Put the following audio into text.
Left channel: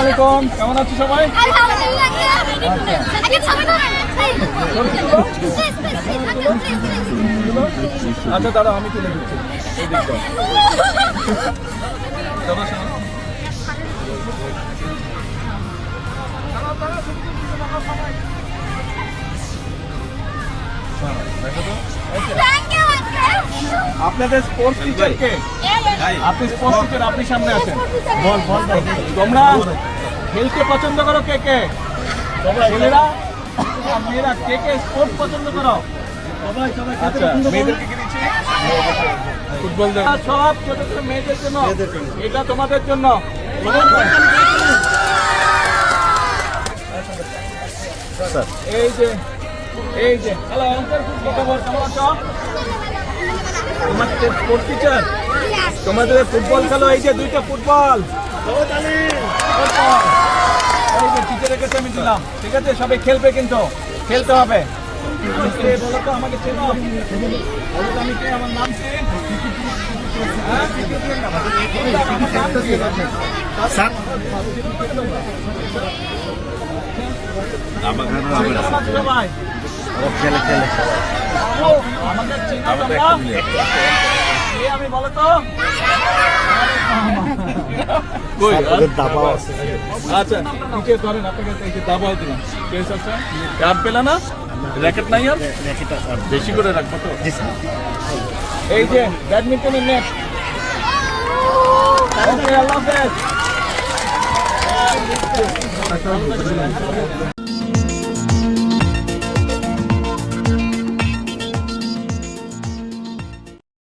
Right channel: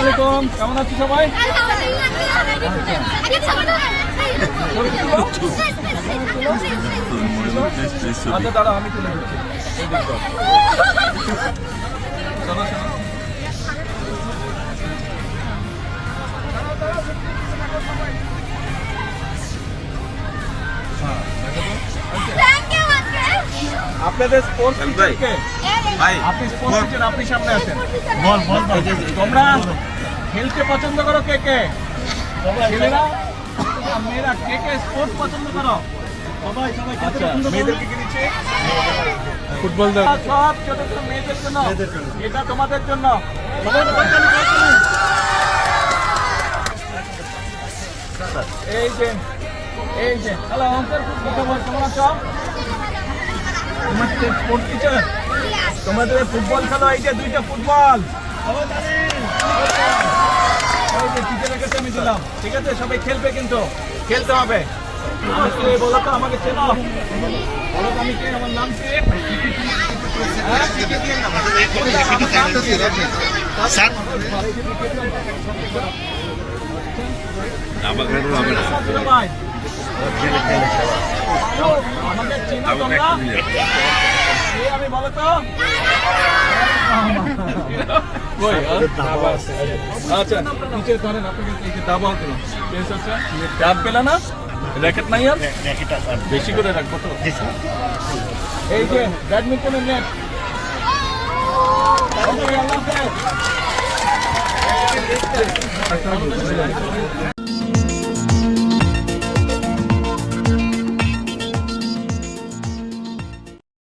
আলাইকুম, কেমন আছো সবাই? আচ্ছা দাঁড়া, আমি তুলে দিচ্ছি। এই দিকটা চলো শোনো। আপনাদের স্পোর্টস টিচার কে? আপনি স্পোর্টস টিচার, আপনি সামনে আছেন। তোমরা খেলতে পছন্দ করো কে কে? ছেলেরা আর মেয়েরা কে কে স্পোর্টস পছন্দ করো? আচ্ছা, মেয়েদেরকে কি দিচ্ছি? ফুটবল। সব ছোট ছোট মেয়েদের জন্য, এটা তোমাদের জন্য। এই যে হ্যালো, কেমন আছো? তোমার স্পোর্টস টিচার, তোমাদের ফুটবল খেলো। এই যে দুইটা ফুটবল, টিচারের কাছে আমি দিলাম। ঠিক আছে, সবাই খেলবে, কিন্তু খেলতে হবে। বলো তো, আমাকে চেনো? বলো তো আমি কে, আমার নাম কি? আমাকে চেনো তোমরা? আমি বলো তো। আচ্ছা, টিচার করেন, আপনাকে দাবাও দিলাম। ক্যাপ পেলা না? র্যাকেট নাই আর বেশি করে রাখবো তো। এই যে ব্যাডমিন্টনের নেট। আল্লাহ হাফেজ।